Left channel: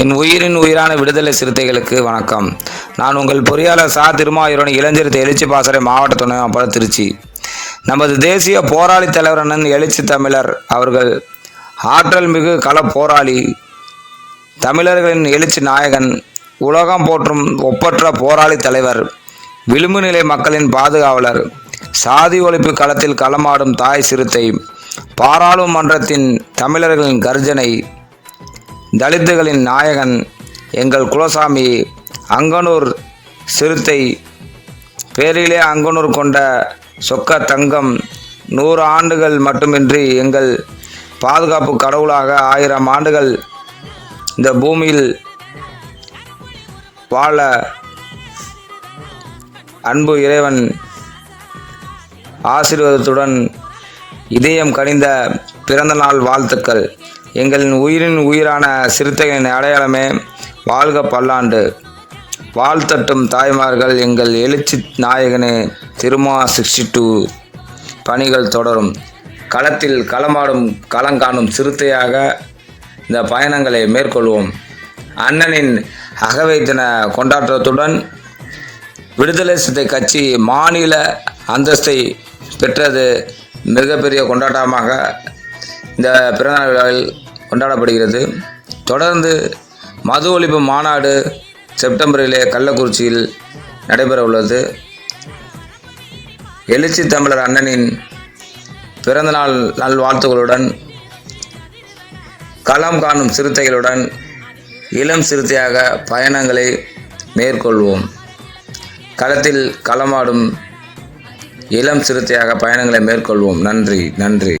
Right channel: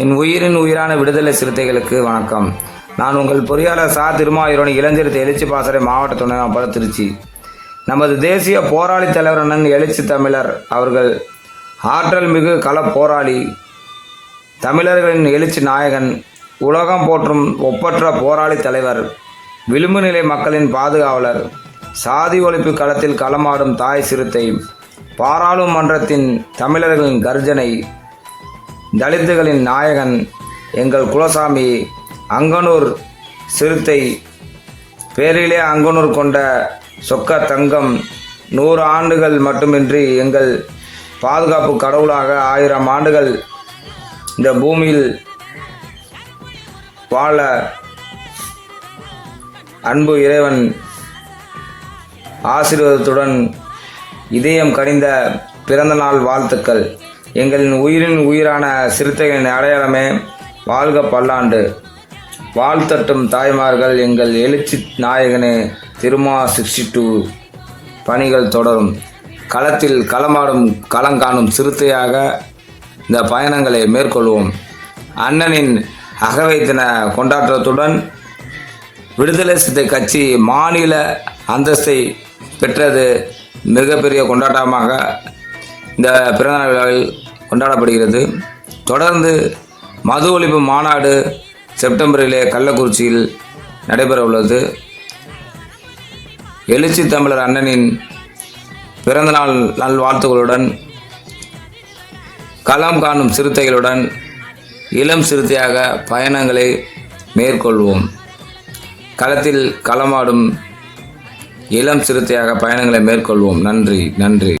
என் உயிரின் உயிரான விடுதலை சிறுத்தைகளுக்கு வணக்கம். நான் உங்கள் பொறியாளர் சா. திருமாயூரணி, இளஞ்சிறுத்தை எழுச்சி பாசறை மாவட்ட துணை அமைப்பாளர், திருச்சி. நமது தேசிய போராளி தலைவர் அண்ணன் எழுச்சி தமிழர் அவர்கள் ஆற்றல் மிகு கள போராளி, தமிழர்களின் எழுச்சி நாயகன், உலகம் போற்றும் ஒப்பற்ற போராளி தலைவர், விளிம்பு நிலை மக்களின் பாதுகாவலர், சாதி ஒழிப்பு களத்தில் களமாடும் தாய் சிறுத்தை, பாராளுமன்றத்தின் தமிழர்களின் கர்ஜனை, தலித்துகளின் நாயகன், எங்கள் குலசாமி, அங்கனூர் சிறுத்தை, பேரிலே அங்கனூர் கொண்ட சொக்க தங்கம், 100 ஆண்டுகள் மட்டுமின்றி எங்கள் பாதுகாப்பு கடவுளாக 1000 ஆண்டுகள் இந்த பூமியில் வாழ அன்பு இறைவன் ஆசீர்வாதத்துடன் இதயம் கனிந்த பிறந்த நாள் வாழ்த்துக்கள். எங்களின் உயிரின் உயிரான சிறுத்தைகளின் அடையாளமே வாழ்க பல்லாண்டு. வாழ்த்தட்டும் தாய்மார்கள். எங்கள் எழுச்சி நாயகனே திருமா 62 பணிகள் தொடரும். களத்தில் களமாடும் களங்காணும் சிறுத்தையாக இந்த பயணங்களை மேற்கொள்வோம். அண்ணனின் அகவை தின கொண்டாட்டத்துடன் விடுதலை சிறுத்தை கட்சி மாநில அந்தஸ்தை பெற்றது மிகப்பெரிய கொண்டாட்டமாக இந்த பிறந்தநாள் விழாவில் கொண்டாடப்படுகிறது. தொடர்ந்து மது ஒழிப்பு மாநாடு செப்டம்பரிலே கள்ளக்குறிச்சியில் நடைபெற உள்ளது. எழுச்சி தமிழர் அண்ணனின் பிறந்தநாள் நல்வாழ்த்துக்களுடன் களம் காணும் சிறுத்தைகளுடன் இளம் சிறுத்தையாக பயணங்களை மேற்கொள்வோம். களத்தில் களமாடும் இளம் சிறுத்தையாக பயணங்களை மேற்கொள்வோம். நன்றி.